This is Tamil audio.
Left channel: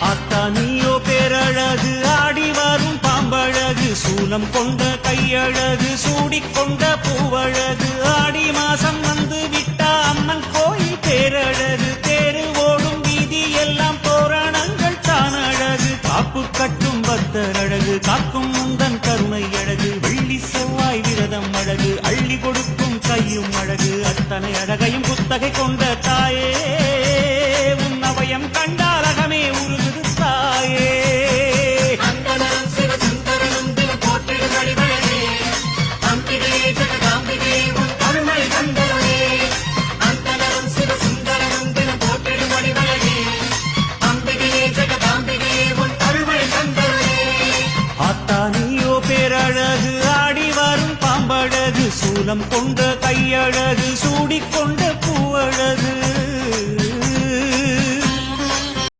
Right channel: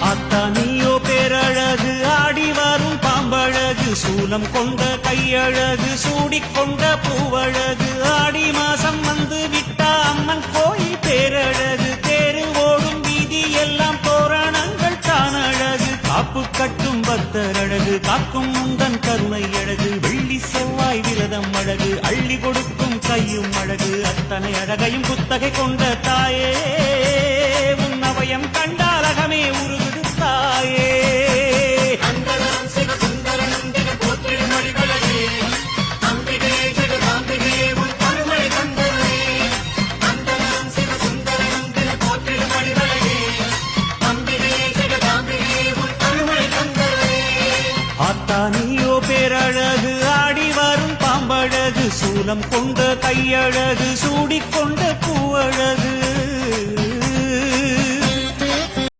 ஆத்தா நீயோ பேரழகு, ஆடி வரும் பாம்பழகு, சூலம் கொண்ட கையழகு, சூடிக்கொண்ட பூவழகு, ஆடி மாசம் வந்து விட்டா அம்மன் கோயில் பேரழகு, தேரு ஓடும் வீதி எல்லாம் தோரணங்கள் தான் அழகு, காப்பு கட்டும் பக்தர் அழகு, காக்கும் முந்தன் கருணை அழகு, வெள்ளி செவ்வாய் விரதம் அழகு, அள்ளி கொடுக்கும் கையும் அழகு, அத்தனை அழகையும் புத்தகை கொண்ட தாயே, உன் அவயம் கண்டால் அகமே உருகுது தாயே. ஆத்தா நீயோ பேரழகு, ஆடி வரும் பாம்பழகு, சூலம் கொண்ட கையழகு, சூடிக்கொண்ட பூவழகு.